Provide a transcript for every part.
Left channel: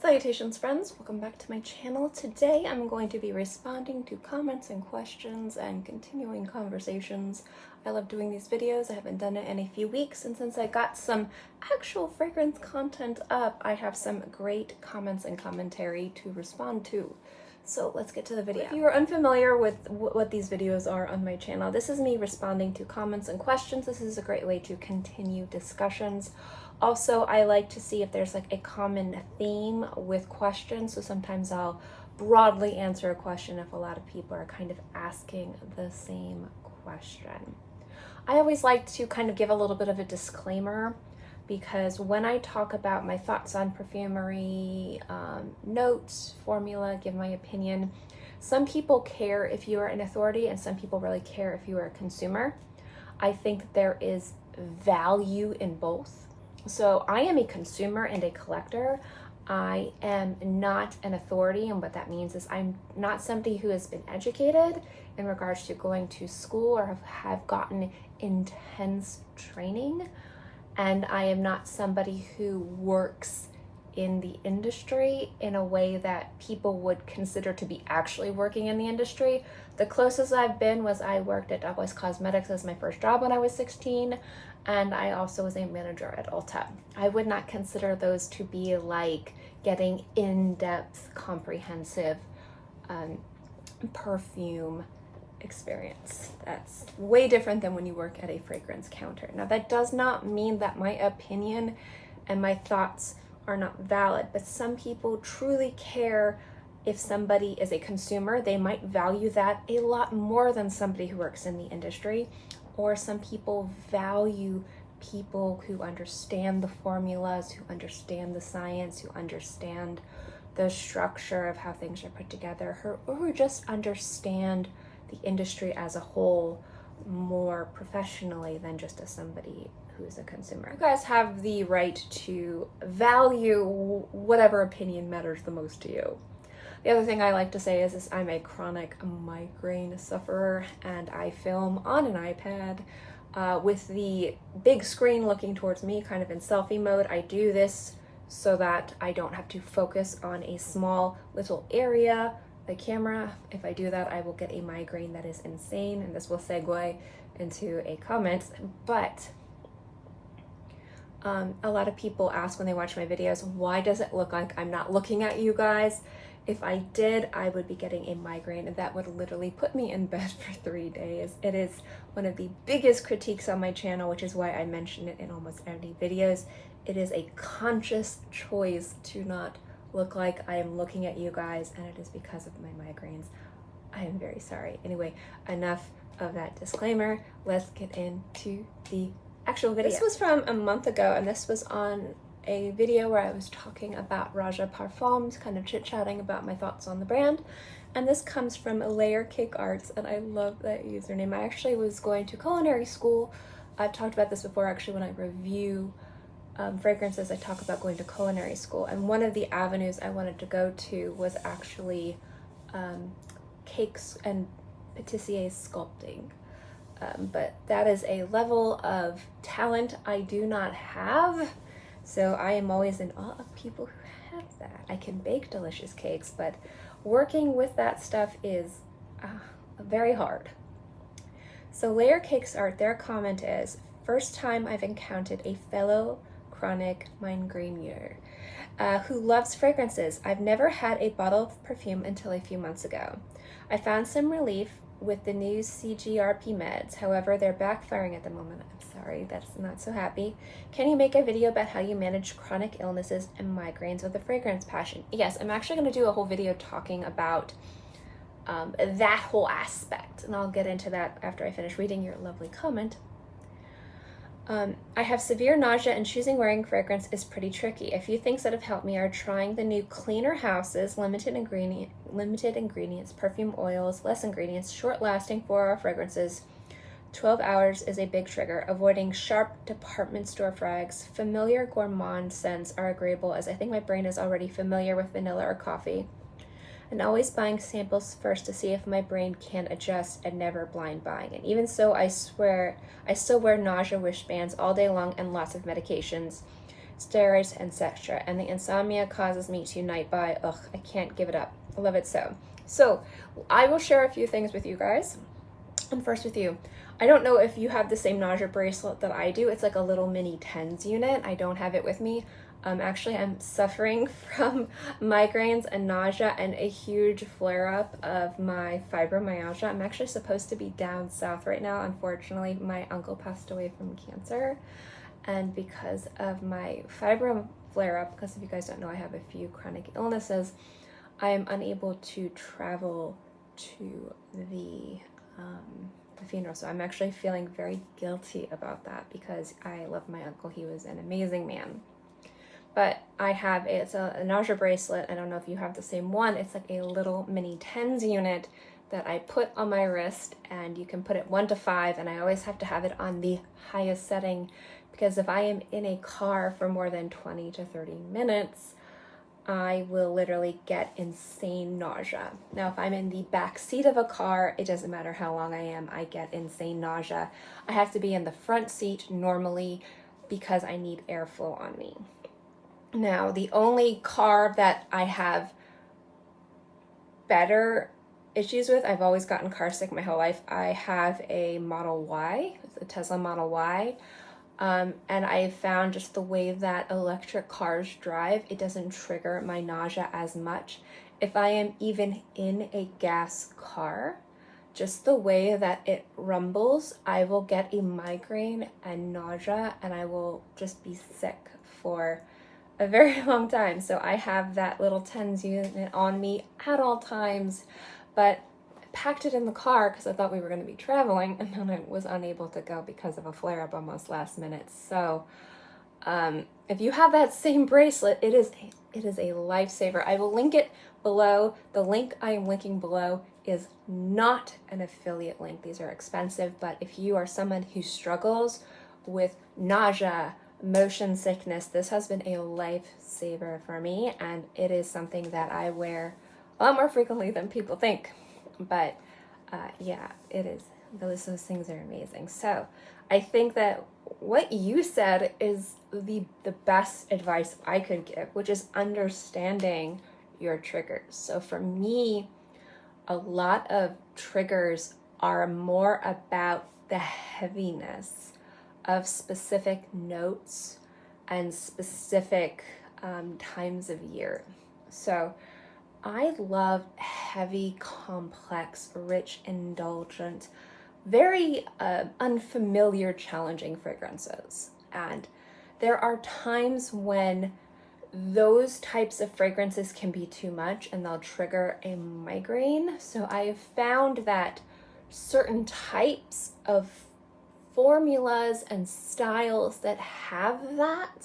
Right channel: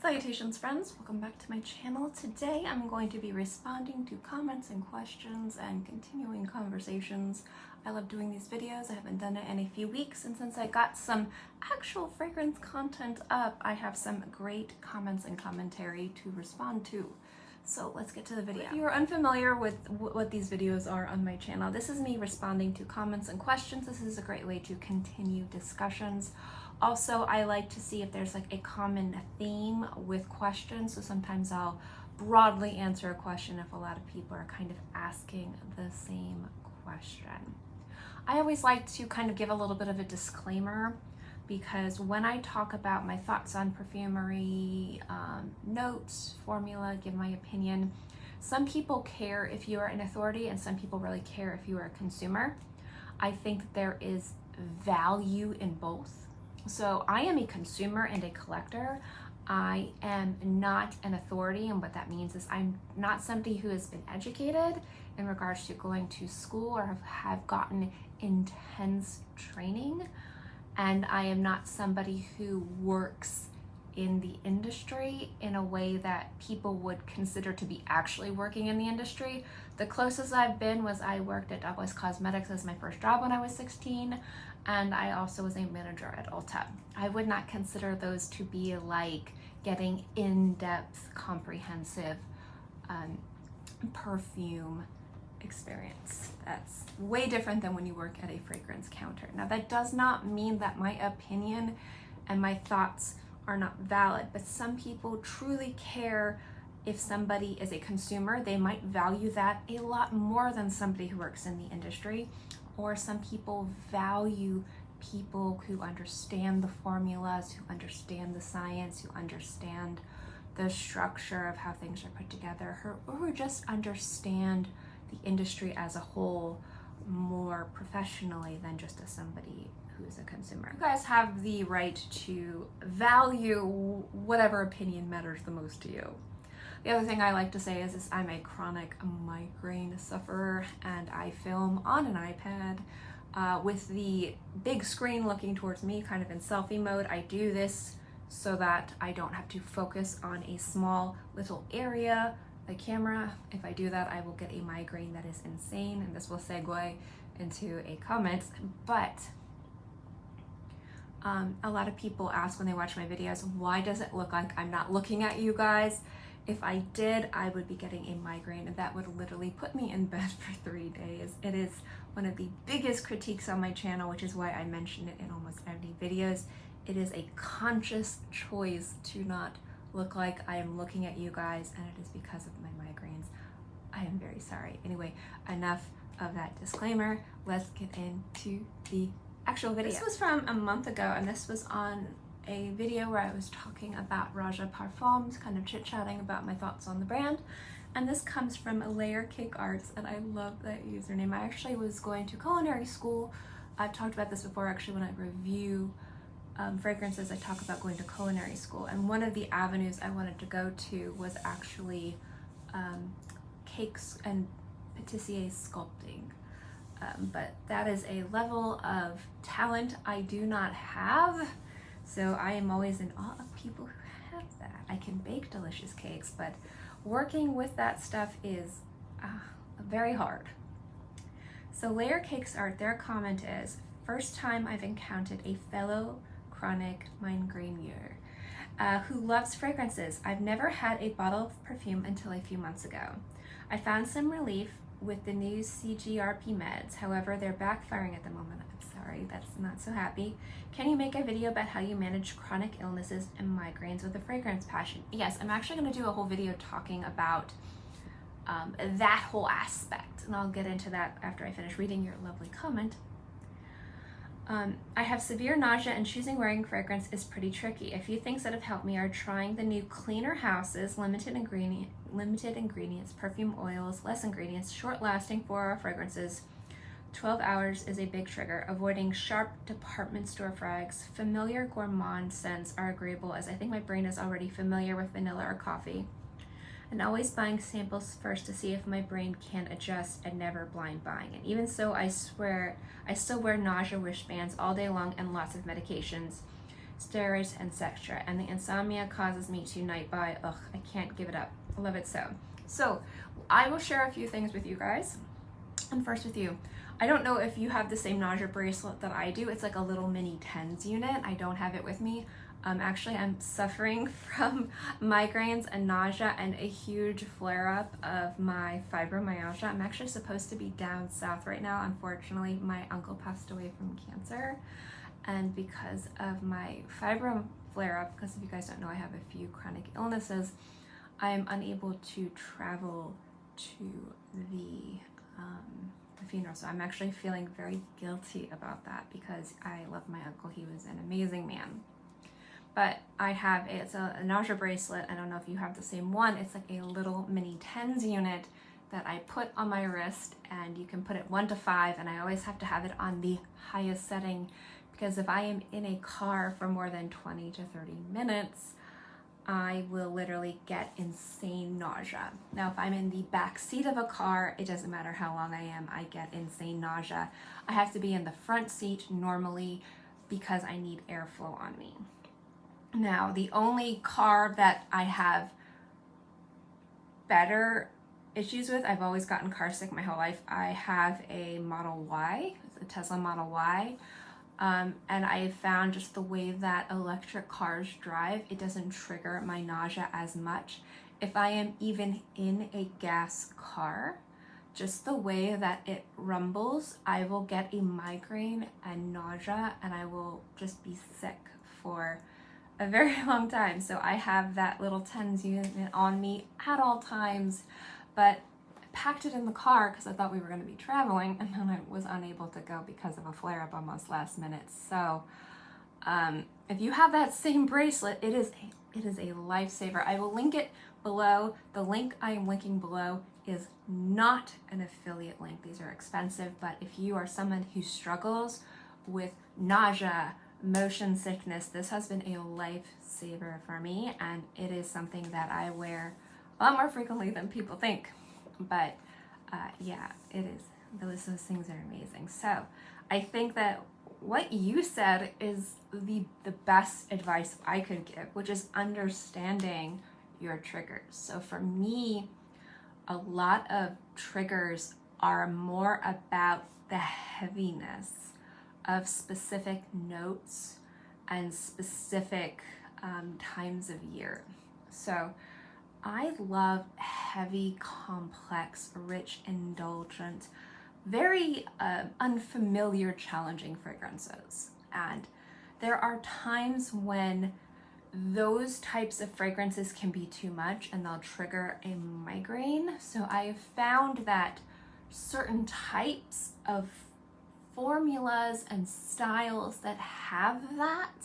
Salutations friends, welcome back to my channel. Today I'm going to be responding to comments and questions and continuing conversations. I love doing these videos. I haven't done it in a few weeks, and since I got some actual fragrance content up, I have some great comments and commentary to respond to. So let's get to the video. If you are unfamiliar with what these videos are on my channel, this is me responding to comments and questions. This is a great way to continue discussions. Also, I like to see if there's like a common theme with questions. So sometimes I'll broadly answer a question if a lot of people are kind of asking the same question. I always like to kind of give a little bit of a disclaimer, because when I talk about my thoughts on perfumery, notes, formula, give my opinion, some people care if you are an authority and some people really care if you are a consumer. I think there is value in both. So I am a consumer and a collector. I am not an authority, and what that means is I'm not somebody who has been educated in regards to going to school or have gotten intense training. And I am not somebody who works in the industry in a way that people would consider to be actually working in the industry. The closest I've been was I worked at Douglas Cosmetics as my first job when I was 16, and I also was a manager at Ulta. I would not consider those to be like getting in-depth, comprehensive perfume experience. That's way different than when you work at a fragrance counter. Now, that does not mean that my opinion and my thoughts are not valid, but some people truly care. If somebody is a consumer, they might value that a lot more than somebody who works in the industry. Or some people value people who understand the formulas, who understand the science, who understand the structure of how things are put together, or who just understand the industry as a whole more professionally than just as somebody who is a consumer. You guys have the right to value whatever opinion matters the most to you. The other thing I like to say is I'm a chronic migraine sufferer, and I film on an iPad with the big screen looking towards me, kind of in selfie mode. I do this so that I don't have to focus on a small little area, the camera. If I do that, I will get a migraine that is insane, and this will segue into a comment. But a lot of people ask when they watch my videos, why does it look like I'm not looking at you guys? If I did, I would be getting a migraine, and that would literally put me in bed for 3 days. It is one of the biggest critiques on my channel, which is why I mention it in almost every videos. It is a conscious choice to not look like I am looking at you guys, and it is because of my migraines. I am very sorry. Anyway, enough of that disclaimer. Let's get into the actual video. This was from a month ago, and this was on a video where I was talking about Rouge Parfums, kind of chit-chatting about my thoughts on the brand. And this comes from Layer Cake Arts, and I love that username. I actually was going to culinary school. I've talked about this before, actually, when I review fragrances. I talk about going to culinary school, and one of the avenues I wanted to go to was actually cakes and patissier sculpting. But that is a level of talent I do not have. So I am always in awe of people who have that. I can bake delicious cakes, but working with that stuff is very hard. So Layer Cakes Art, their comment is, first time I've encountered a fellow chronic migraineur who loves fragrances. I've never had a bottle of perfume until a few months ago. I found some relief with the new CGRP meds. However, they're backfiring at the moment. I'm sorry, that's not so happy. Can you make a video about how you manage chronic illnesses and migraines with a fragrance passion? Yes, I'm actually going to do a whole video talking about that whole aspect, and I'll get into that after I finish reading your lovely comment. I have severe nausea, and choosing wearing fragrance is pretty tricky. A few things that have helped me are trying the new Cleaner Houses, limited ingredients, perfume oils, less ingredients, short-lasting 4-hour fragrances. 12 hours is a big trigger. Avoiding sharp department store frags. Familiar gourmand scents are agreeable, as I think my brain is already familiar with vanilla or coffee. And always buying samples first to see if my brain can adjust, and never blind buying. And even so, I swear I still wear nausea wristbands all day long and lots of medications. steroids, and Sextra. And the insomnia causes me to night buy. Ugh, I can't give it up. I love it so. So I will share a few things with you guys. And first with you, I don't know if you have the same nausea bracelet that I do. It's like a little mini TENS unit. I don't have it with me. Actually, I'm suffering from migraines and nausea and a huge flare-up of my fibromyalgia. I'm actually supposed to be down south right now. Unfortunately, my uncle passed away from cancer. And because of my fibro flare-up, because if you guys don't know, I have a few chronic illnesses, I am unable to travel to the funeral. So I'm actually feeling very guilty about that because I love my uncle. He was an amazing man. But I have, it's a nausea bracelet. I don't know if you have the same one. It's like a little mini TENS unit that I put on my wrist, and you can put it 1 to 5, and I always have to have it on the highest setting because if I am in a car for more than 20 to 30 minutes, I will literally get insane nausea. Now, if I'm in the back seat of a car, it doesn't matter how long I am, I get insane nausea. I have to be in the front seat normally because I need airflow on me. Now, the only car that I have better issues with, I've always gotten car sick my whole life. I have a Model Y, it's a Tesla Model Y. And I have found just the way that electric cars drive, it doesn't trigger my nausea as much. If I am even in a gas car, just the way that it rumbles, I will get a migraine and nausea, and I will just be sick for a very long time. So I have that little TENS unit on me at all times, but I packed it in the car because I thought we were going to be traveling, and then I was unable to go because of a flare-up almost last minute. So if you have that same bracelet, it is a lifesaver. I will link it below. The link I am linking below is not an affiliate link. These are expensive, but if you are someone who struggles with nausea, motion sickness, this has been a lifesaver for me, and it is something that I wear a lot more frequently than people think. But yeah, it is. Those things are amazing. So I think that what you said is the best advice I could give, which is understanding your triggers. So for me, a lot of triggers are more about the heaviness of specific notes and specific times of year. So I love heavy, complex, rich, indulgent, very unfamiliar, challenging fragrances. And there are times when those types of fragrances can be too much and they'll trigger a migraine. So I have found that certain types of formulas and styles that have that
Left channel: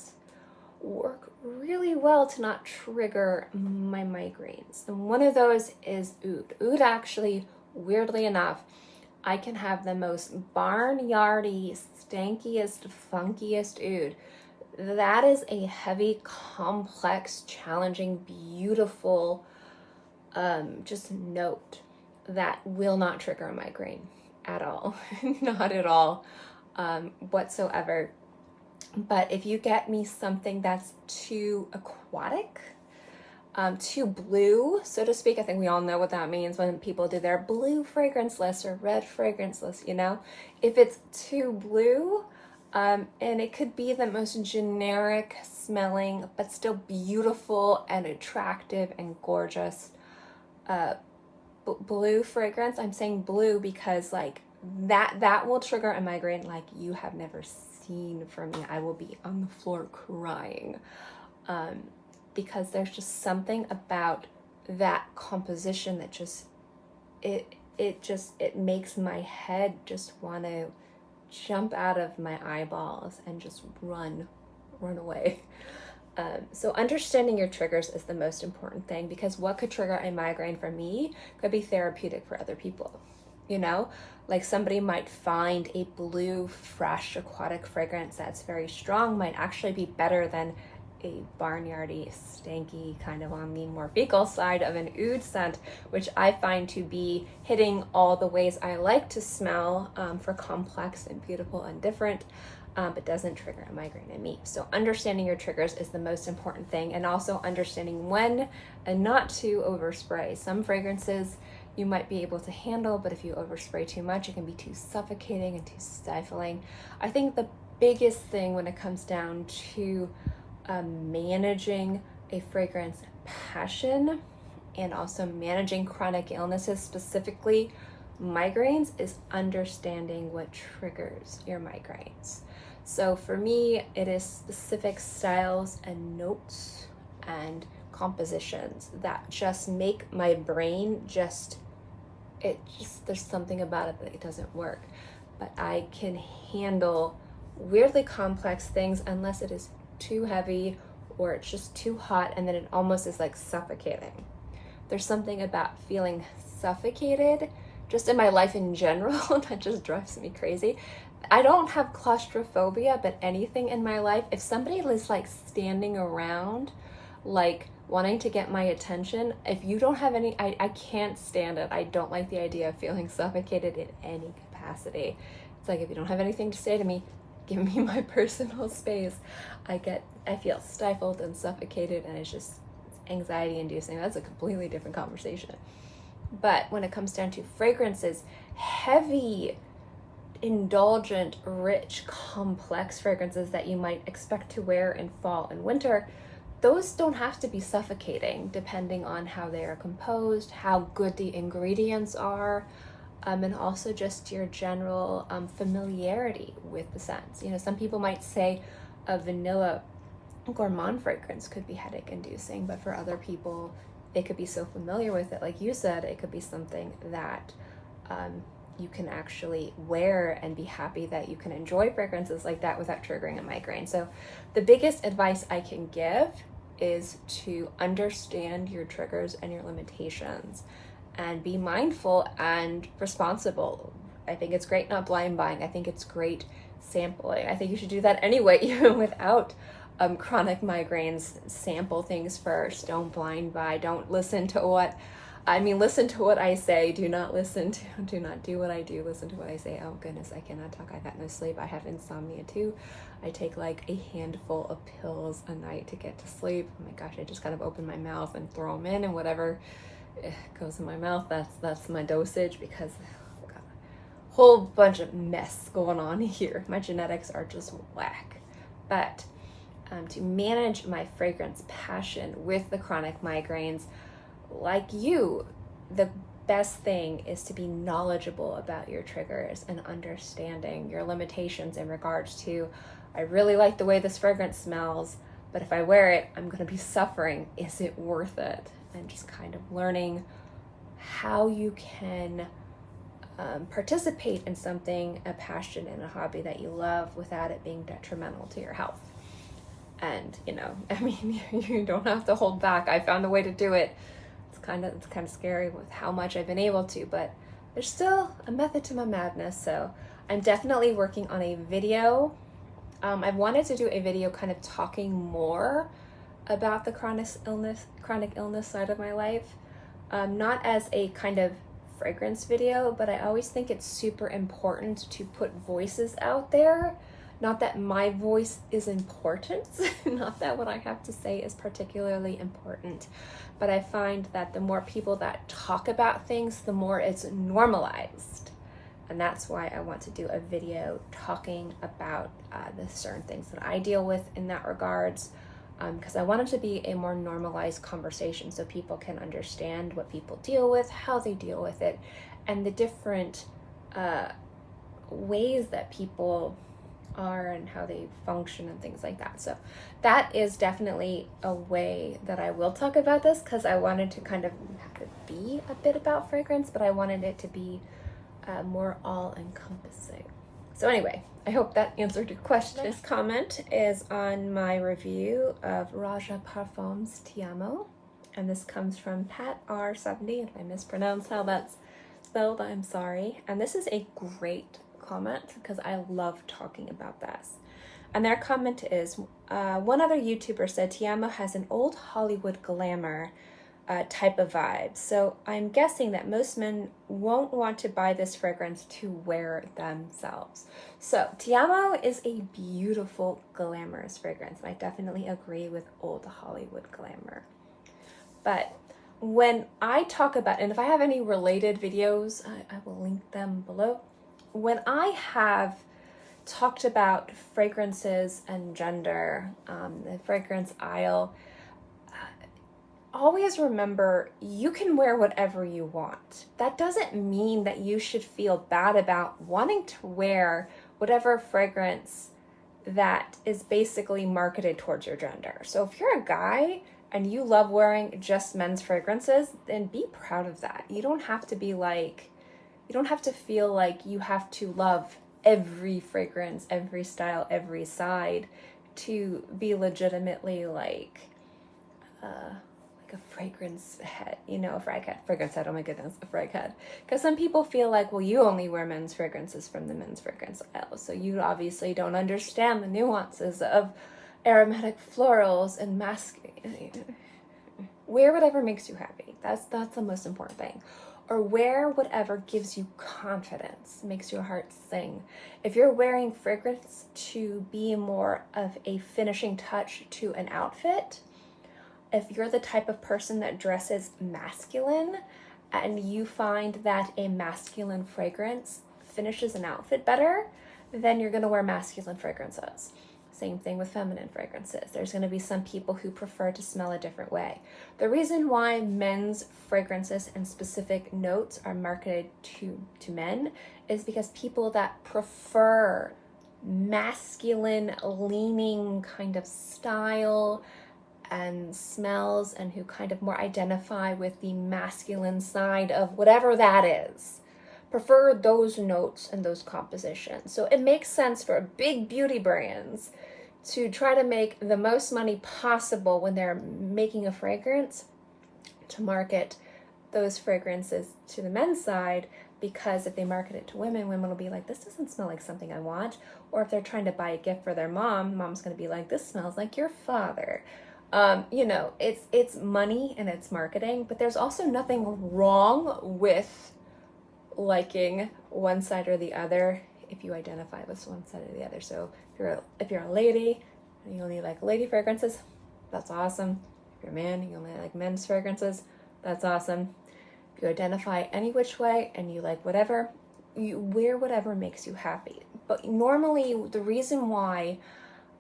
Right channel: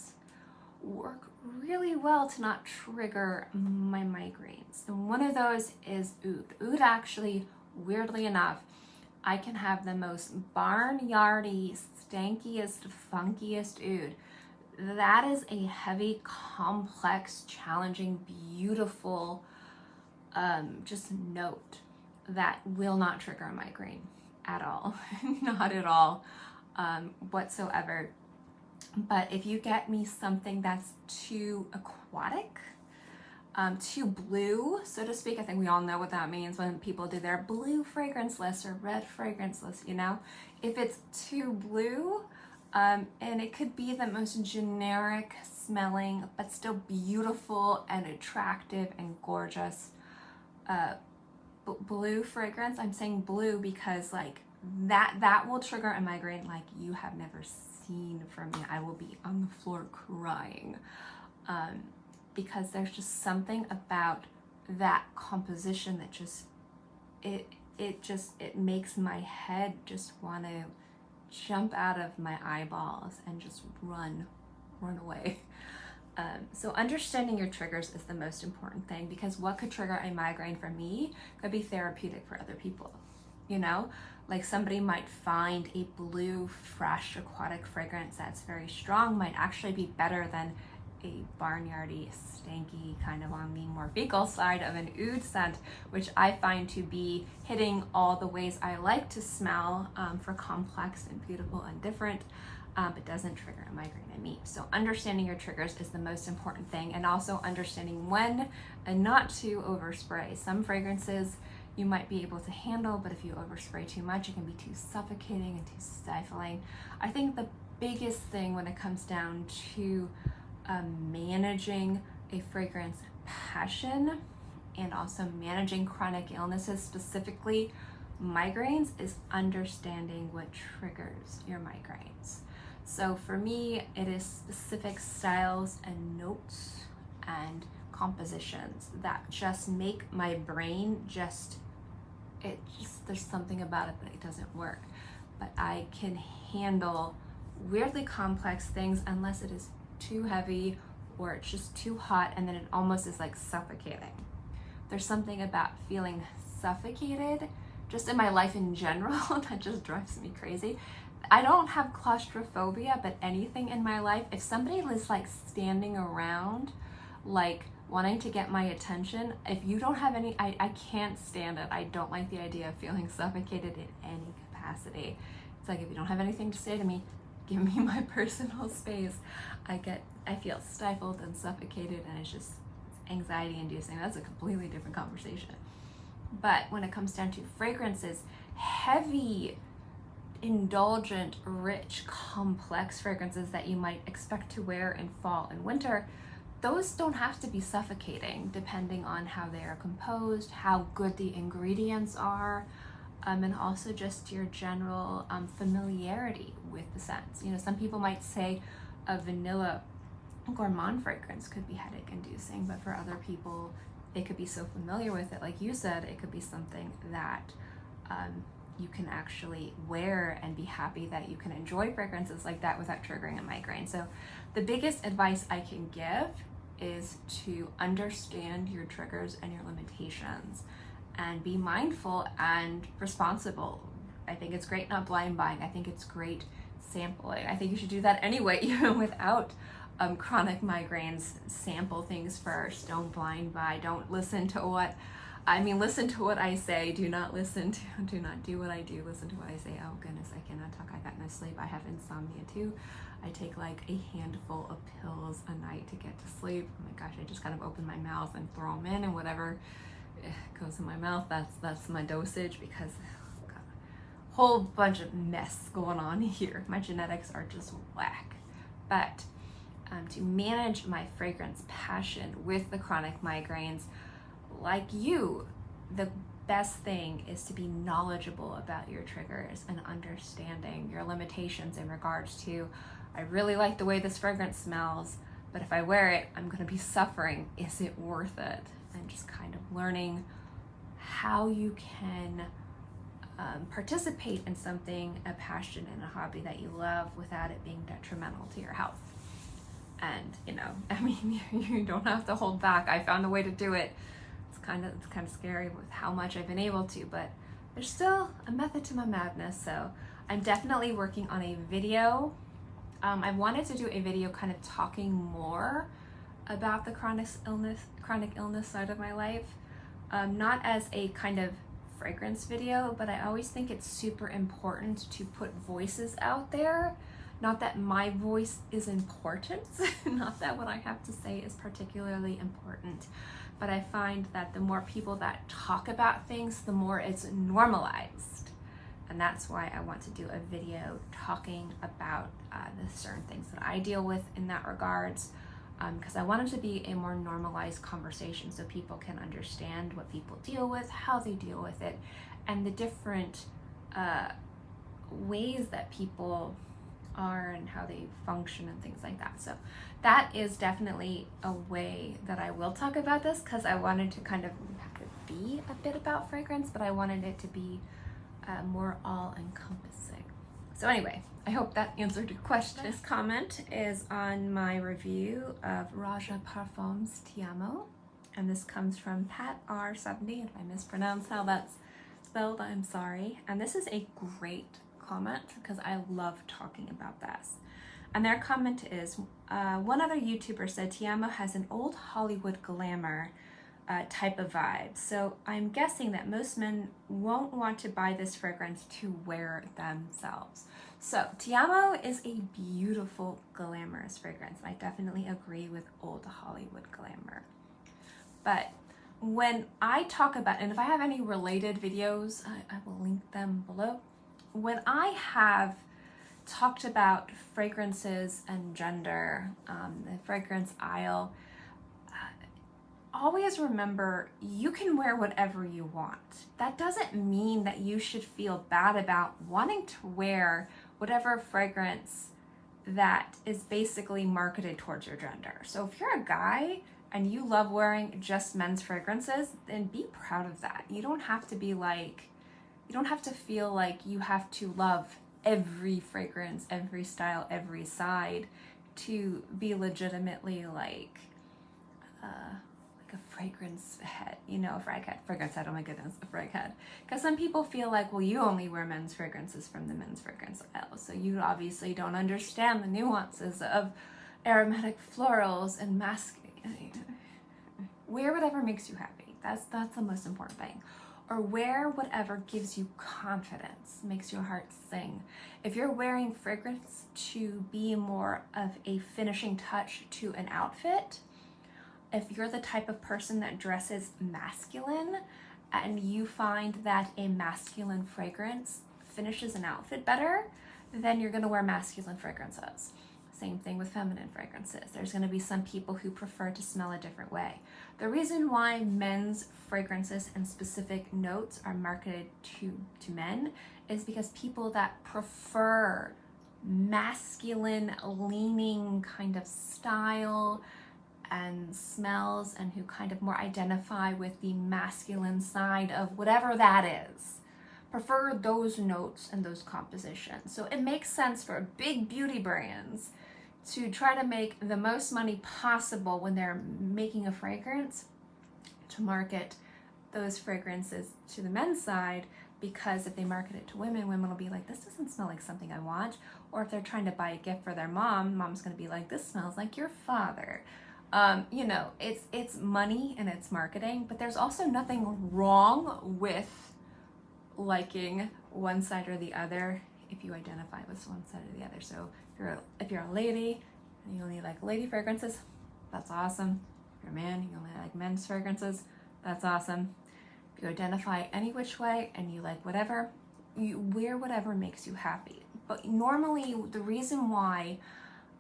work really well to not trigger my migraines. And one of those is oud. Oud actually, weirdly enough, I can have the most barnyardy, stankiest, funkiest oud. That is a heavy, complex, challenging, beautiful, just note that will not trigger a migraine at all. Not at all whatsoever. But if you get me something that's too aquatic, too blue, so to speak, I think we all know what that means when people do their blue fragrance list or red fragrance list, you know? If it's too blue, and it could be the most generic smelling, but still beautiful and attractive and gorgeous blue fragrance. I'm saying blue because like that will trigger a migraine like you have never seen from me. I will be on the floor crying because there's just something about that composition that just it makes my head just want to jump out of my eyeballs and just run away. So understanding your triggers is the most important thing, because what could trigger a migraine for me could be therapeutic for other people. You know, like somebody might find a blue, fresh, aquatic fragrance that's very strong might actually be better than a barnyardy, stanky, kind of on the more fecal side of an oud scent, which I find to be hitting all the ways I like to smell for complex and beautiful and different. but doesn't trigger a migraine in me. So understanding your triggers is the most important thing, and also understanding when and not to overspray. Some fragrances you might be able to handle, but if you overspray too much, it can be too suffocating and too stifling. I think the biggest thing when it comes down to managing a fragrance passion and also managing chronic illnesses, specifically migraines, is understanding what triggers your migraines. So for me, it is specific styles and notes and compositions that just make my brain there's something about it that it doesn't work. But I can handle weirdly complex things unless it is too heavy or it's just too hot, and then it almost is like suffocating. There's something about feeling suffocated just in my life in general that just drives me crazy. I don't have claustrophobia, but anything in my life, if somebody is like standing around, like wanting to get my attention, if you don't have any, I can't stand it. I don't like the idea of feeling suffocated in any capacity. It's like, if you don't have anything to say to me, give me my personal space. I feel stifled and suffocated, and it's anxiety inducing. That's a completely different conversation. But when it comes down to fragrances, heavy, indulgent, rich, complex fragrances that you might expect to wear in fall and winter, those don't have to be suffocating, depending on how they are composed, how good the ingredients are, and also just your general familiarity with the scents. You know, some people might say a vanilla gourmand fragrance could be headache inducing, but for other people, they could be so familiar with it. Like you said, it could be something that you can actually wear and be happy that you can enjoy fragrances like that without triggering a migraine. So the biggest advice I can give is to understand your triggers and your limitations and be mindful and responsible. I think it's great not blind buying. I think it's great sampling. I think you should do that anyway, even without chronic migraines. Sample things first. Don't blind buy. Don't listen to listen to what I say. Do not do what I do. Listen to what I say. Oh goodness, I cannot talk. I got no sleep. I have insomnia too. I take like a handful of pills a night to get to sleep. Oh my gosh, I just kind of open my mouth and throw them in, and whatever goes in my mouth, that's my dosage, because I've got a whole bunch of mess going on here. My genetics are just whack. But to manage my fragrance passion with the chronic migraines, like you, the best thing is to be knowledgeable about your triggers and understanding your limitations in regards to, I really like the way this fragrance smells, but if I wear it, I'm going to be suffering. Is it worth it? And just kind of learning how you can participate in something, a passion and a hobby that you love, without it being detrimental to your health. And you don't have to hold back. I found a way to do it. It's kind of scary with how much I've been able to, but there's still a method to my madness. So I'm definitely working on a video. I wanted to do a video kind of talking more about the chronic illness side of my life, not as a kind of fragrance video, but I always think it's super important to put voices out there. Not that my voice is important, not that what I have to say is particularly important, but I find that the more people that talk about things, the more it's normalized. And that's why I want to do a video talking about the certain things that I deal with in that regards, because I want it to be a more normalized conversation so people can understand what people deal with, how they deal with it, and the different ways that people are and how they function and things like that. So that is definitely a way that I will talk about this, because I wanted to kind of have it be a bit about fragrance, but I wanted it to be more all-encompassing. So anyway, I hope that answered your question. This comment is on my review of Rouge Parfums Ti Amo, and this comes from Pat R70. If I mispronounce how that's spelled, I'm sorry. And this is a great comment because I love talking about this. And their comment is, one other YouTuber said Ti Amo has an old Hollywood glamour, type of vibe. So I'm guessing that most men won't want to buy this fragrance to wear themselves. So Ti Amo is a beautiful, glamorous fragrance. And I definitely agree with old Hollywood glamour. But when I talk about, and if I have any related videos, I will link them below. When I have talked about fragrances and gender, the fragrance aisle, always remember you can wear whatever you want. That doesn't mean that you should feel bad about wanting to wear whatever fragrance that is basically marketed towards your gender. So if you're a guy and you love wearing just men's fragrances, then be proud of that. You don't have to be like, you don't have to feel like you have to love every fragrance, every style, every side to be legitimately like a fragrance head, you know, a fragrance head, oh my goodness, a frag head. Because some people feel like, well, you only wear men's fragrances from the men's fragrance aisle, so you obviously don't understand the nuances of aromatic florals and wear whatever makes you happy. That's the most important thing. Or wear whatever gives you confidence, makes your heart sing. If you're wearing fragrance to be more of a finishing touch to an outfit, if you're the type of person that dresses masculine and you find that a masculine fragrance finishes an outfit better, then you're gonna wear masculine fragrances. Same thing with feminine fragrances. There's gonna be some people who prefer to smell a different way. The reason why men's fragrances and specific notes are marketed to men is because people that prefer masculine leaning kind of style and smells and who kind of more identify with the masculine side of whatever that is, prefer those notes and those compositions. So it makes sense for big beauty brands to try to make the most money possible when they're making a fragrance to market those fragrances to the men's side, because if they market it to women, women will be like, this doesn't smell like something I want. Or if they're trying to buy a gift for their mom, mom's gonna be like, this smells like your father. You know, it's money and it's marketing, but there's also nothing wrong with liking one side or the other if you identify with one side or the other. So if you're a lady and you only like lady fragrances, that's awesome. If you're a man, you only like men's fragrances, that's awesome. If you identify any which way and you like whatever, you wear whatever makes you happy. But normally the reason why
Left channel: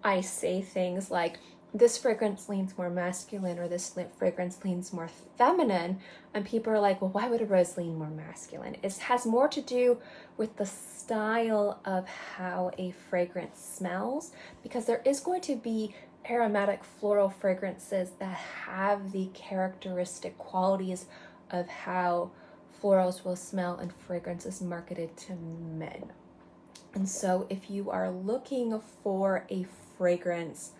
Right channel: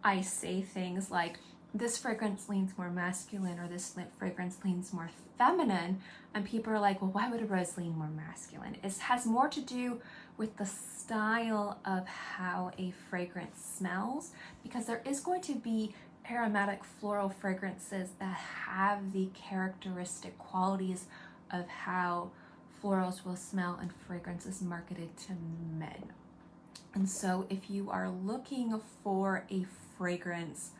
I say things like, this fragrance leans more masculine or this fragrance leans more feminine, and people are like, well, why would a rose lean more masculine? It has more to do with the style of how a fragrance smells, because there is going to be aromatic floral fragrances that have the characteristic qualities of how florals will smell and fragrances marketed to men. And so if you are looking for a fragrance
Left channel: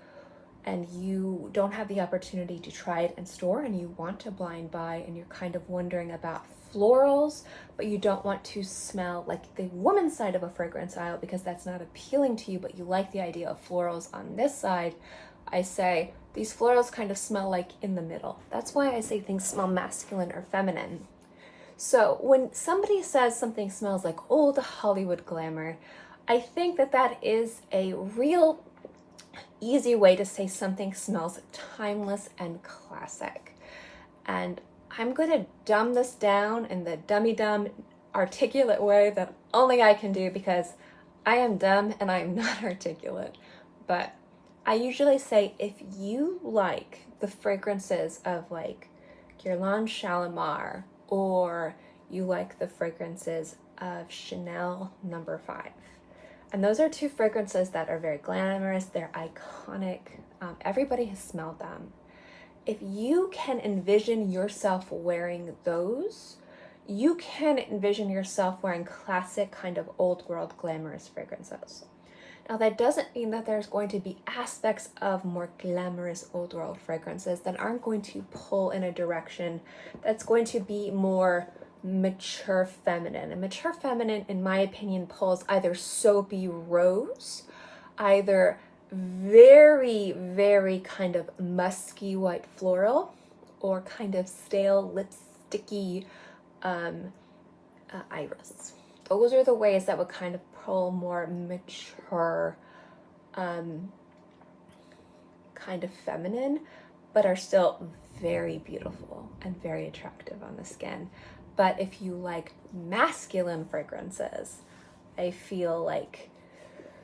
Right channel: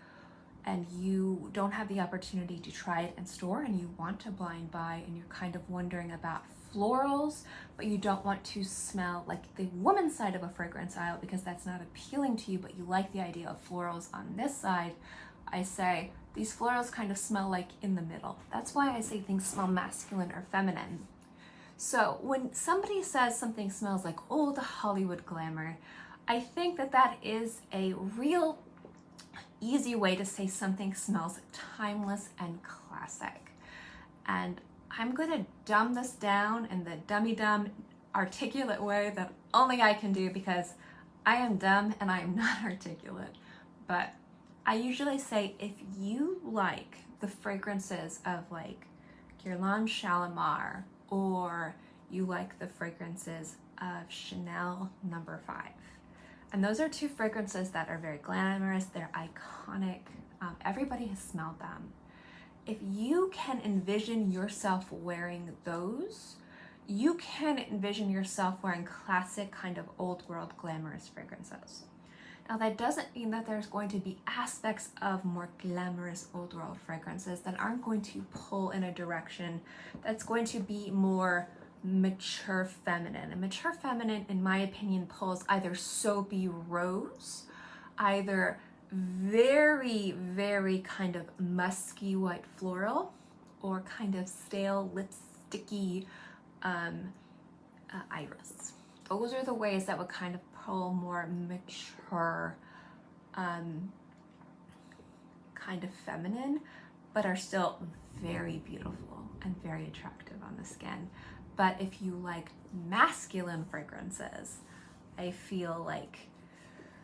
and you don't have the opportunity to try it in store and you want to blind buy and you're kind of wondering about florals, but you don't want to smell like the woman's side of a fragrance aisle because that's not appealing to you, but you like the idea of florals on this side, I say these florals kind of smell like in the middle. That's why I say things smell masculine or feminine. So when somebody says something smells like old Hollywood glamour, I think that that is a real easy way to say something smells timeless and classic. And I'm going to dumb this down in the dummy-dumb articulate way that only I can do, because I am dumb and I am not articulate. But I usually say, if you like the fragrances of like Guerlain Shalimar, or you like the fragrances of Chanel No. 5, and those are two fragrances that are very glamorous, they're iconic, everybody has smelled them. If you can envision yourself wearing those, you can envision yourself wearing classic kind of old world glamorous fragrances. Now that doesn't mean that there's going to be aspects of more glamorous old world fragrances that aren't going to pull in a direction that's going to be more mature feminine. And mature feminine, in my opinion, pulls either soapy rose, either very, very kind of musky white floral, or kind of stale lipsticky iris. Those are the ways that would kind of pull more mature, kind of feminine, but are still very beautiful and very attractive on the skin. But if you like masculine fragrances, I feel like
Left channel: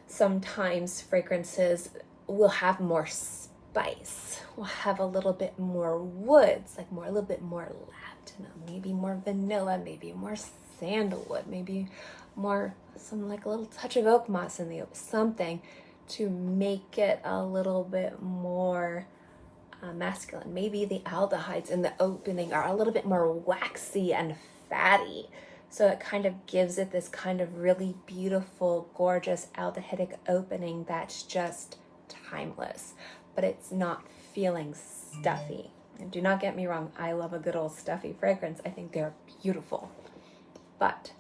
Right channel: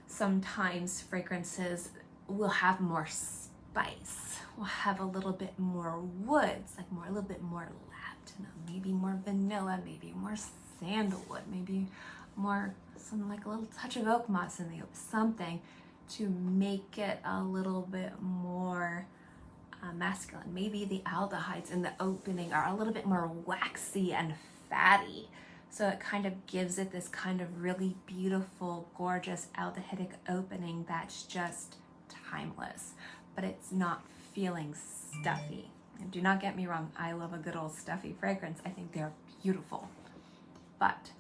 sometimes fragrances will have more spice, will have a little bit more woods, like a little bit more lavender, maybe more vanilla, maybe more sandalwood, maybe more like a little touch of oak moss in the something to make it a little bit more masculine. Maybe the aldehydes in the opening are a little bit more waxy and fatty, so it kind of gives it this kind of really beautiful, gorgeous aldehydic opening that's just timeless, but it's not feeling stuffy. And do not get me wrong, I love a good old stuffy fragrance. I think they're beautiful. But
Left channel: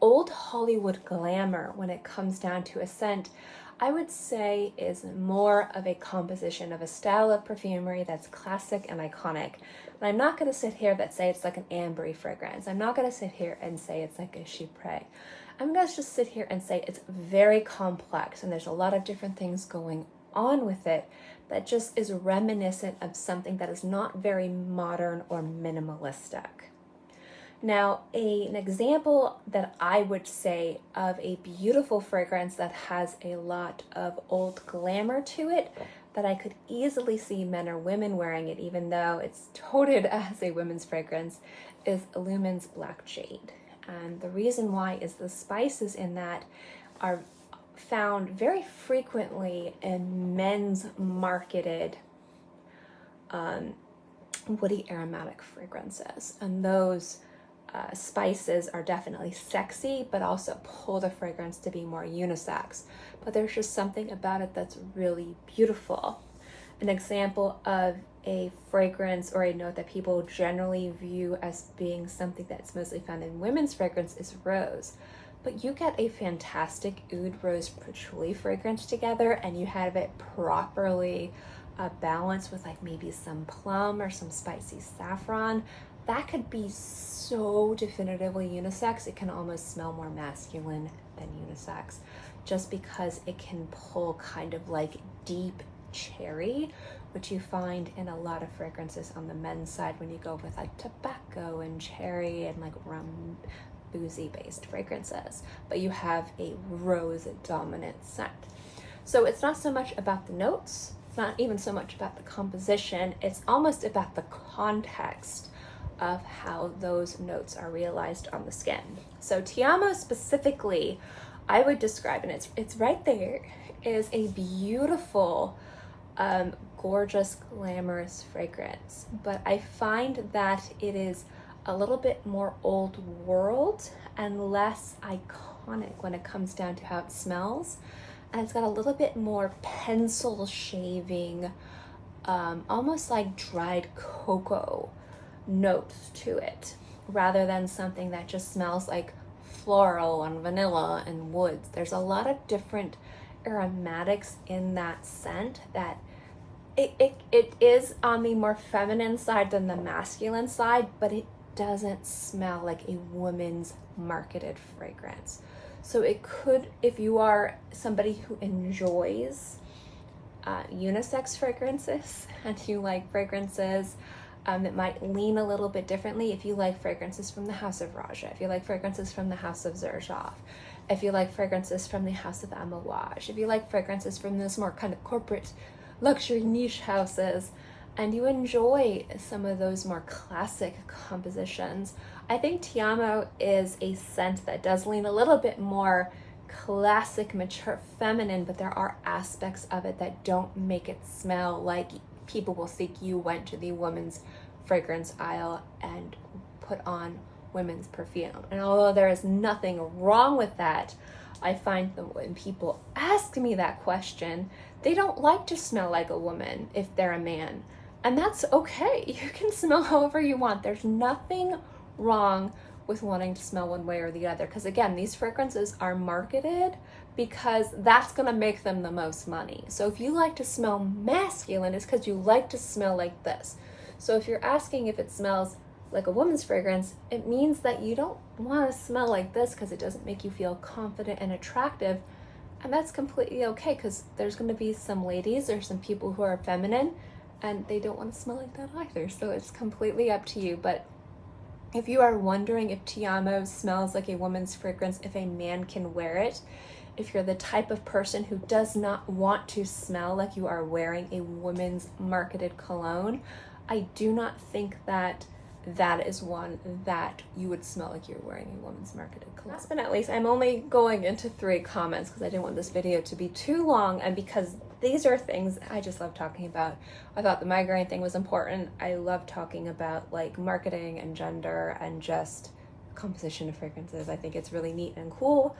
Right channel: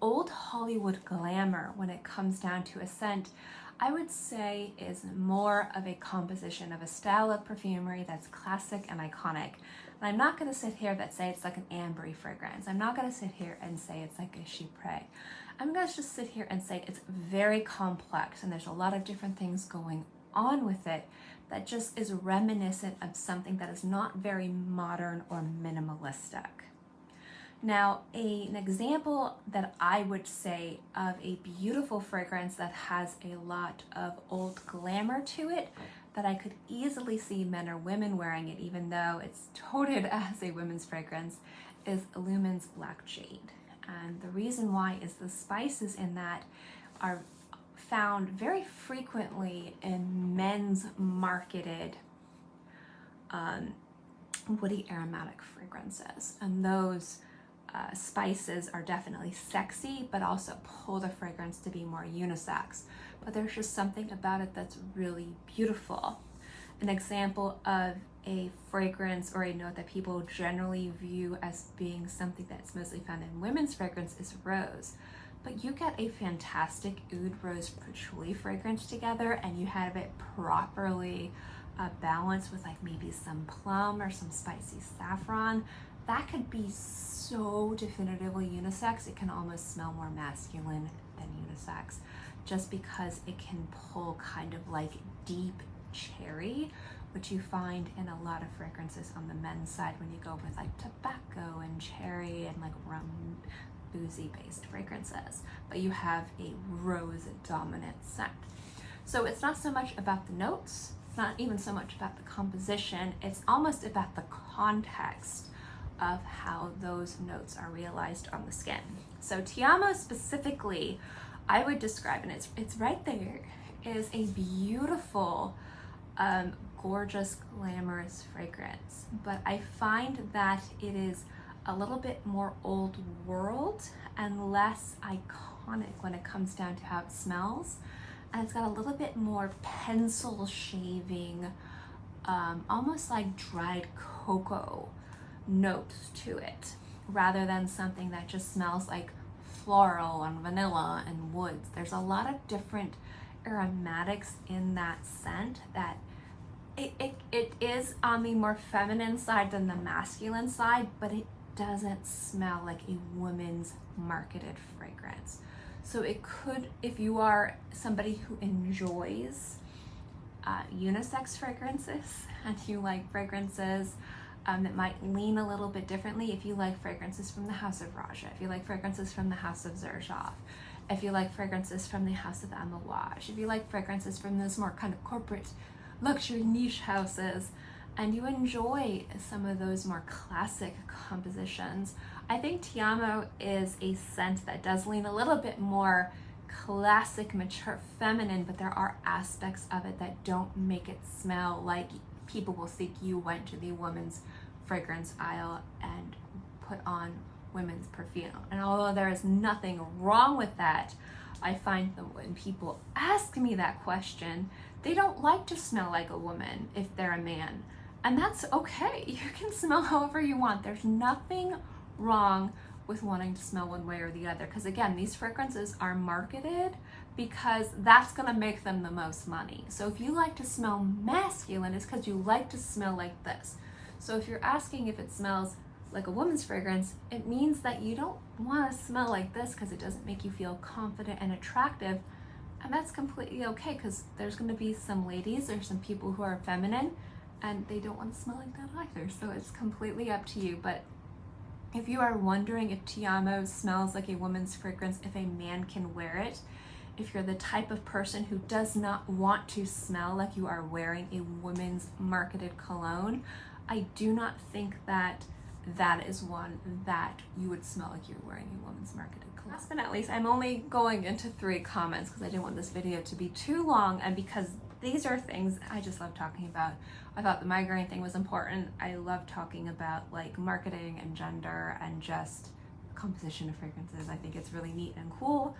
old Hollywood glamour, when it comes down to a scent, I would say is more of a composition of a style of perfumery that's classic and iconic. And I'm not going to sit here and say it's like an ambery fragrance. I'm not going to sit here and say it's like a chypre. I'm going to just sit here and say it's very complex and there's a lot of different things going on with it that just is reminiscent of something that is not very modern or minimalistic. Now, an example that I would say of a beautiful fragrance that has a lot of old glamour to it, that I could easily see men or women wearing it, even though it's touted as a women's fragrance, is Lumen's Black Jade. And the reason why is the spices in that are found very frequently in men's marketed woody aromatic fragrances. And those spices are definitely sexy, but also pull the fragrance to be more unisex. But there's just something about it that's really beautiful. An example of a fragrance or a note that people generally view as being something that's mostly found in women's fragrance is rose. But you get a fantastic oud rose patchouli fragrance together and you have it properly balanced with like maybe some plum or some spicy saffron. That could be so definitively unisex. It can almost smell more masculine than unisex, just because it can pull kind of like deep cherry, which you find in a lot of fragrances on the men's side when you go with like tobacco and cherry and like rum, boozy based fragrances, but you have a rose dominant scent. So it's not so much about the notes, it's not even so much about the composition, it's almost about the context of how those notes are realized on the skin. So Ti Amo specifically, I would describe, and it's right there, is a beautiful, gorgeous, glamorous fragrance. But I find that it is a little bit more old world and less iconic when it comes down to how it smells. And it's got a little bit more pencil shaving, almost like dried cocoa notes to it, rather than something that just smells like floral and vanilla and woods. There's a lot of different aromatics in that scent that it is on the more feminine side than the masculine side, but it doesn't smell like a woman's marketed fragrance. So it could, if you are somebody who enjoys unisex fragrances and you like fragrances that might lean a little bit differently, if you like fragrances from the house of Rouge, if you like fragrances from the house of Xerjoff, if you like fragrances from the house of Amouage, if you like fragrances from those more kind of corporate luxury niche houses, and you enjoy some of those more classic compositions, I think Ti Amo is a scent that does lean a little bit more classic, mature, feminine, but there are aspects of it that don't make it smell like people will think you went to the women's fragrance aisle and put on women's perfume. And although there is nothing wrong with that, I find that when people ask me that question, they don't like to smell like a woman if they're a man. And that's okay. You can smell however you want. There's nothing wrong with wanting to smell one way or the other. Because again, these fragrances are marketed because that's gonna make them the most money. So if you like to smell masculine, it's because you like to smell like this. So if you're asking if it smells like a woman's fragrance, it means that you don't want to smell like this because it doesn't make you feel confident and attractive. And that's completely okay, because there's going to be some ladies or some people who are feminine and they don't want to smell like that either. So it's completely up to you. But if you are wondering if Ti Amo smells like a woman's fragrance, if a man can wear it, if you're the type of person who does not want to smell like you are wearing a woman's marketed cologne, I do not think that that is one that you would smell like you're wearing a woman's marketed cologne. Last but not least, I'm only going into 3 comments because I didn't want this video to be too long, and because these are things I just love talking about. I thought the migraine thing was important. I love talking about like marketing and gender and just composition of fragrances. I think it's really neat and cool.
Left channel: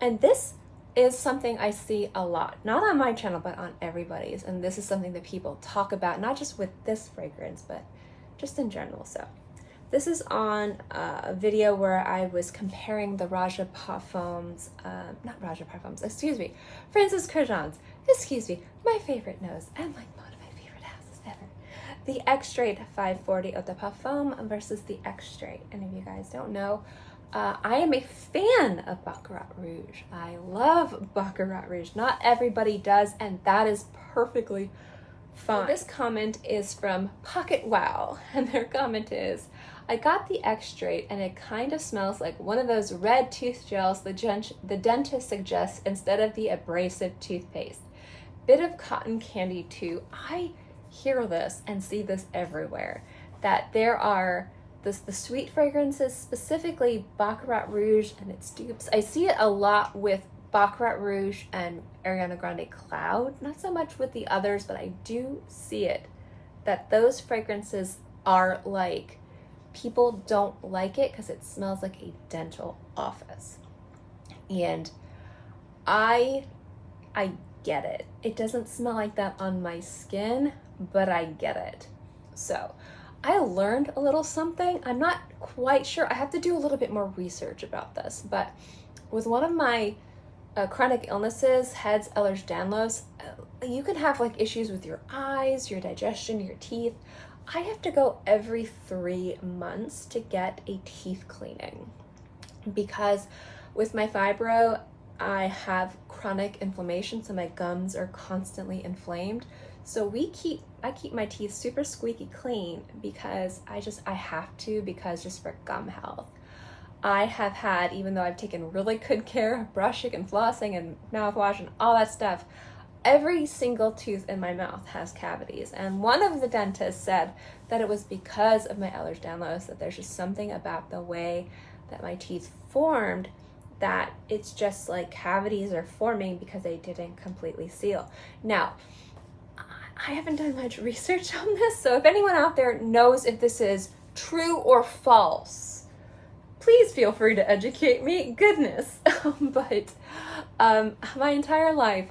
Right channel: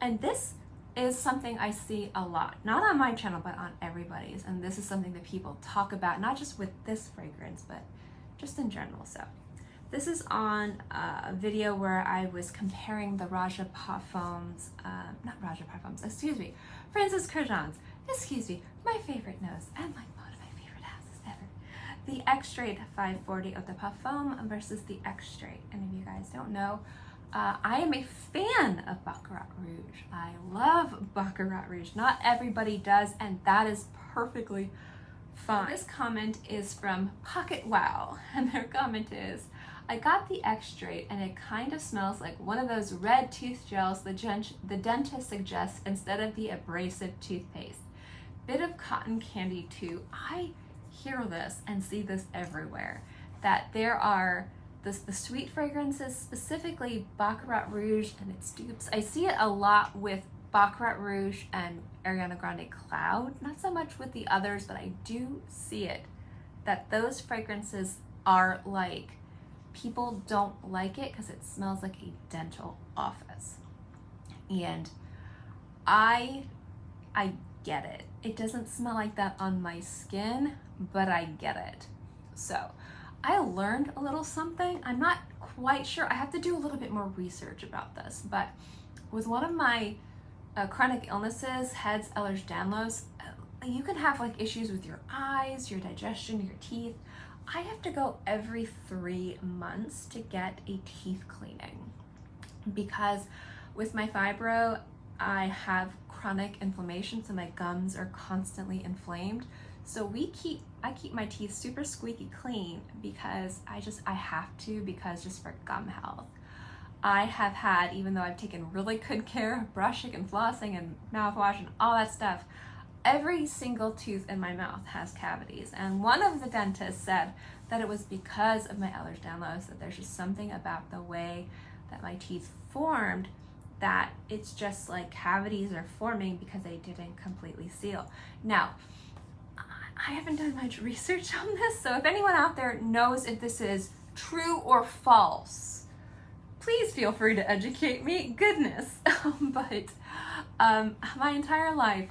And this is something I see a lot, not on my channel, but on everybody's. And this is something that people talk about, not just with this fragrance, but just in general. So this is on a video where I was comparing the Rouge Parfums, Francis Kurkdjian's, my favorite nose and like one of my favorite houses ever. The Extrait 540 Eau de Parfum versus the Extrait. And if you guys don't know, I am a fan of Baccarat Rouge. I love Baccarat Rouge. Not everybody does, and that is perfectly fine. So this comment is from Pocket Wow, and their comment is, I got the Extrait and it kind of smells like one of those red tooth gels the dentist suggests instead of the abrasive toothpaste. Bit of cotton candy too. I hear this and see this everywhere, that there are the sweet fragrances, specifically Baccarat Rouge and its dupes. I see it a lot with Baccarat Rouge and Ariana Grande Cloud, not so much with the others, but I do see it, that those fragrances are like, people don't like it because it smells like a dental office. And I get it. It doesn't smell like that on my skin, but I get it. So I learned a little something. I'm not quite sure. I have to do a little bit more research about this, but with one of my chronic illnesses, heads, Ehlers-Danlos, you can have like issues with your eyes, your digestion, your teeth. I have to go every 3 months to get a teeth cleaning because with my fibro, I have chronic inflammation, so my gums are constantly inflamed. So I keep my teeth super squeaky clean because I have to, because just for gum health. I have had, even though I've taken really good care of brushing and flossing and mouthwash and all that stuff, every single tooth in my mouth has cavities. And one of the dentists said that it was because of my Ehlers-Danlos, that there's just something about the way that my teeth formed that it's just like cavities are forming because they didn't completely seal. Now, I haven't done much research on this, so if anyone out there knows if this is true or false, please feel free to educate me. Goodness. But my entire life,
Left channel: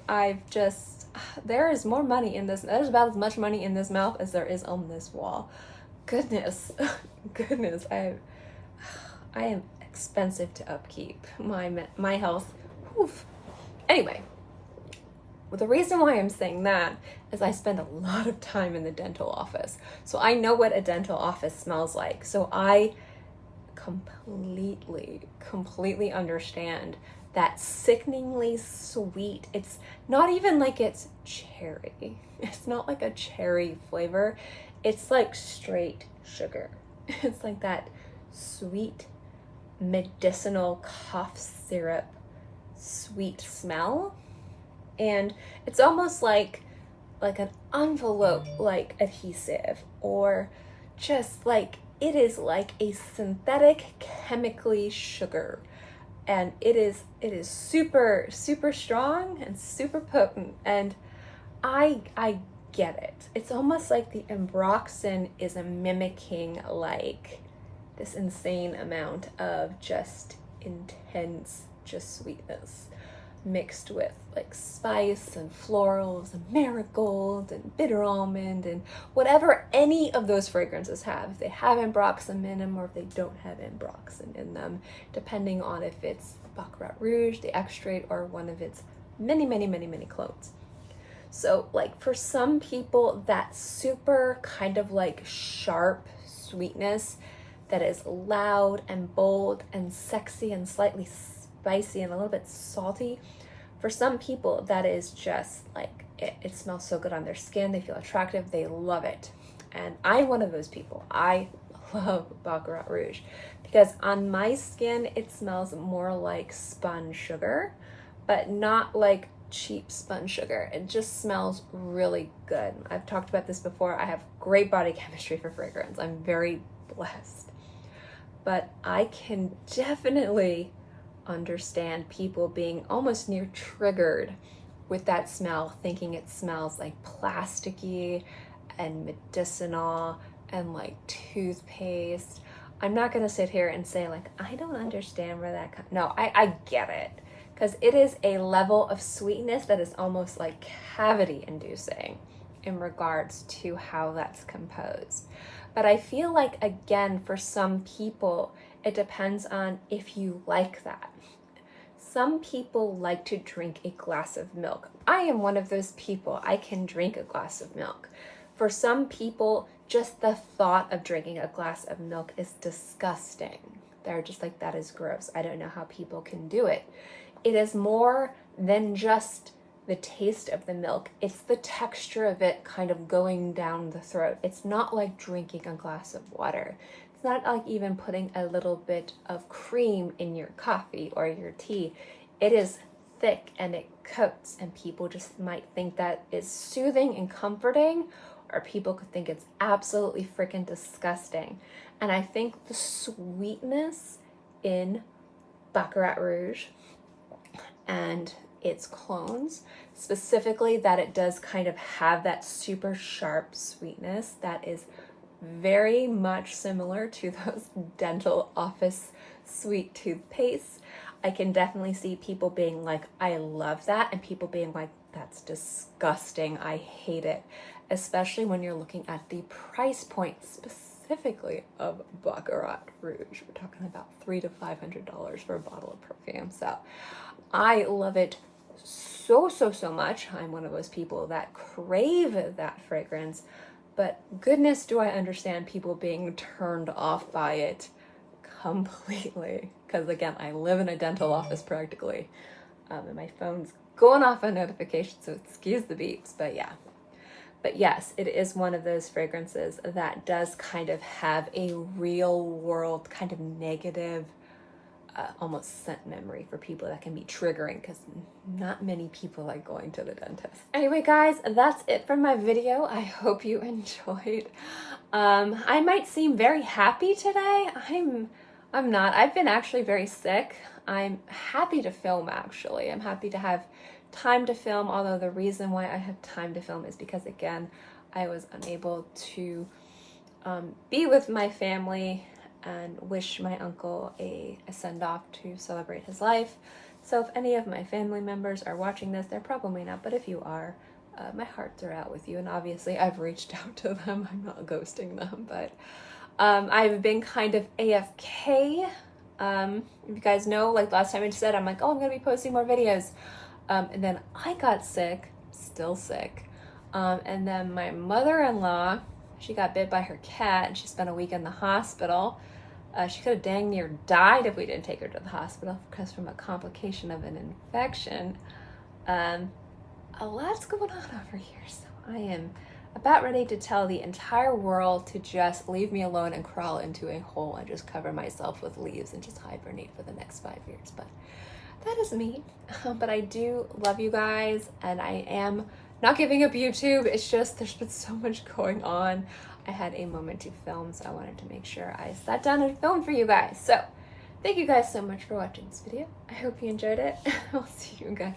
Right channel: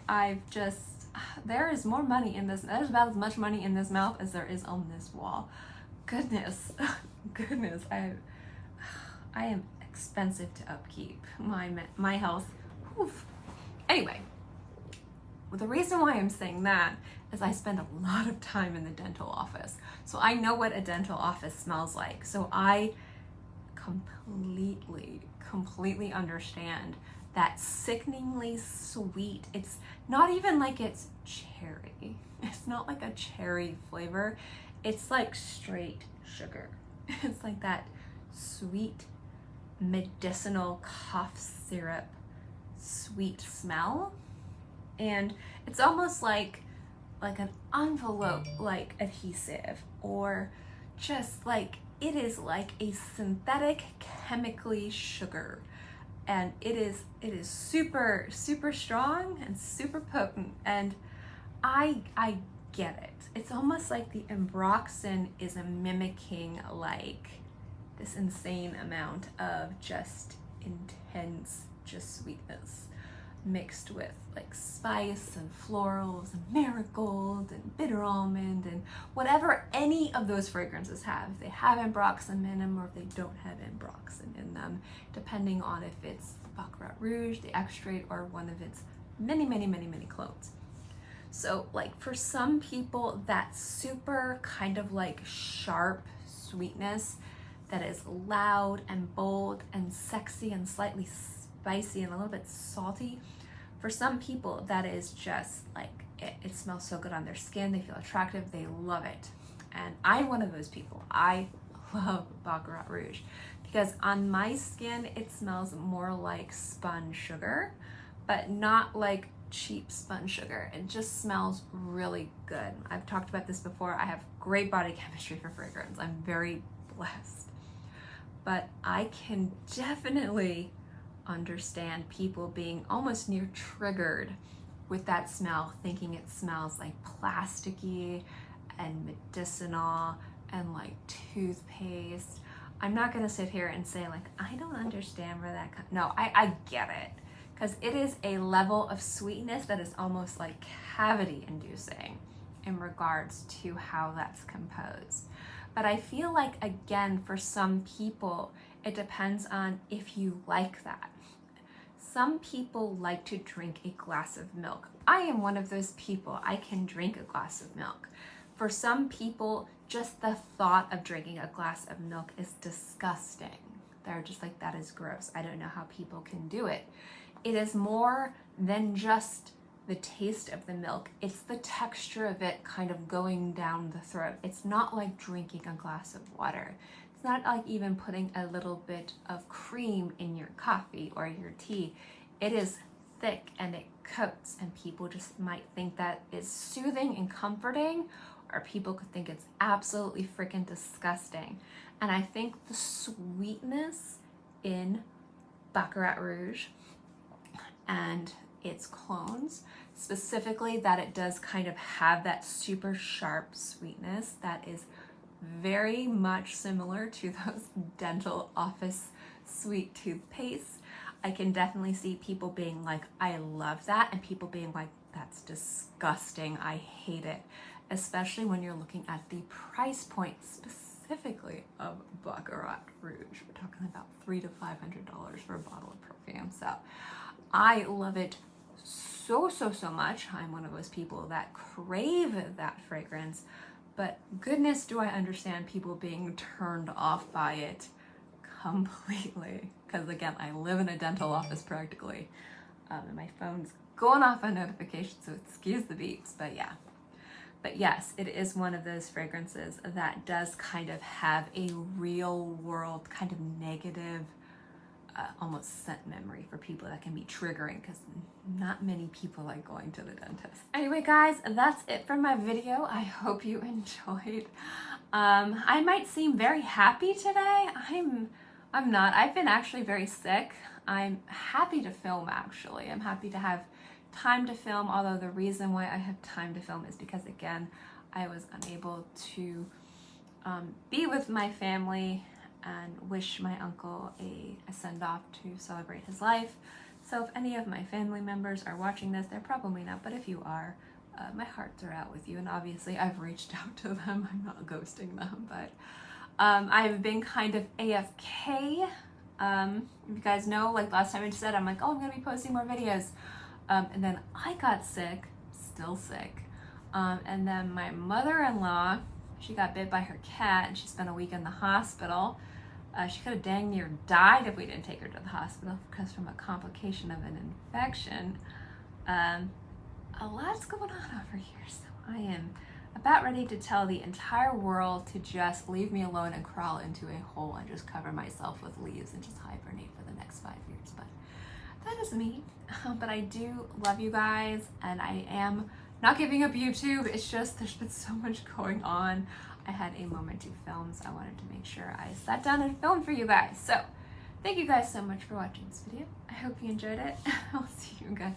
there is more money in this, there's about as much money in this mouth as there is on this wall. Goodness, goodness, I am expensive to upkeep. My health, oof. Anyway, well, the reason why I'm saying that is I spend a lot of time in the dental office. So I know what a dental office smells like. So I completely understand that sickeningly sweet. It's not even like it's cherry. It's not like a cherry flavor. It's like straight sugar. It's like that sweet medicinal cough syrup sweet smell. And it's almost like an envelope like adhesive, or just like, it is like a synthetic chemically sugar, and it is super strong and super potent, and I get it. It's almost like the Ambroxan is mimicking like this insane amount of just intense sweetness mixed with like spice and florals and marigold and bitter almond and whatever any of those fragrances have. If they have Ambroxan in them or if they don't have Ambroxan in them, depending on if it's the Baccarat Rouge, the Extrait, or one of its many clones. So like for some people, that super kind of like sharp sweetness that is loud and bold and sexy and slightly spicy and a little bit salty, for some people that is just like, it smells so good on their skin, they feel attractive, they love it. And I'm one of those people. I love Baccarat Rouge because on my skin it smells more like spun sugar, but not like cheap spun sugar. It just smells really good. I've talked about this before. I have great body chemistry for fragrance. I'm very blessed. But I can definitely understand people being almost near triggered with that smell, thinking it smells like plasticky and medicinal and like toothpaste. I'm not gonna sit here and say like, I don't understand where that comes. No, I get it, because it is a level of sweetness that is almost like cavity inducing in regards to how that's composed. But I feel like, again, for some people, it depends on if you like that. Some people like to drink a glass of milk. I am one of those people. I can drink a glass of milk. For some people, just the thought of drinking a glass of milk is disgusting. They're just like, that is gross. I don't know how people can do it. It is more than just the taste of the milk. It's the texture of it kind of going down the throat. It's not like drinking a glass of water. It's not like even putting a little bit of cream in your coffee or your tea. It is thick and it coats, and people just might think that is soothing and comforting, or people could think it's absolutely freaking disgusting. And I think the sweetness in Baccarat Rouge and its clones, specifically that it does kind of have that super sharp sweetness that is very much similar to those dental office sweet toothpaste. I can definitely see people being like, I love that, and people being like, that's disgusting, I hate it. Especially when you're looking at the price point specifically of Baccarat Rouge. We're talking about $300 to $500 for a bottle of perfume. So I love it so much. I'm one of those people that crave that fragrance, but goodness do I understand people being turned off by it completely. Because again, I live in a dental office practically, and my phone's going off on notifications, so excuse the beeps, but yeah. But yes, it is one of those fragrances that does kind of have a real world kind of negative almost scent memory for people that can be triggering, because not many people like going to the dentist. Anyway guys, that's it for my video. I hope you enjoyed. I might seem very happy today. I'm not. I've been actually very sick. I'm happy to film actually. I'm happy to have time to film, although the reason why I have time to film is because, again, I was unable to be with my family and wish my uncle a send-off to celebrate his life. So if any of my family members are watching this, they're probably not, but if you are, my hearts are out with you, and obviously I've reached out to them. I'm not ghosting them, but I've been kind of AFK. If you guys know, like last time I said, I'm like, oh, I'm gonna be posting more videos. And then I got sick, still sick. And then my mother-in-law, she got bit by her cat and she spent a week in the hospital. She could have dang near died if we didn't take her to the hospital because from a complication of an infection. A lot's going on over here, so I am about ready to tell the entire world to just leave me alone and crawl into a hole and just cover myself with leaves and just hibernate for the next 5 years. But that is me. But I do love you guys, and I am not giving up YouTube. It's just there's been so much going on. I had a moment to film, so I wanted to make sure I sat down and filmed for you guys. So thank you guys so much for watching this video. I hope you enjoyed it. I'll see you guys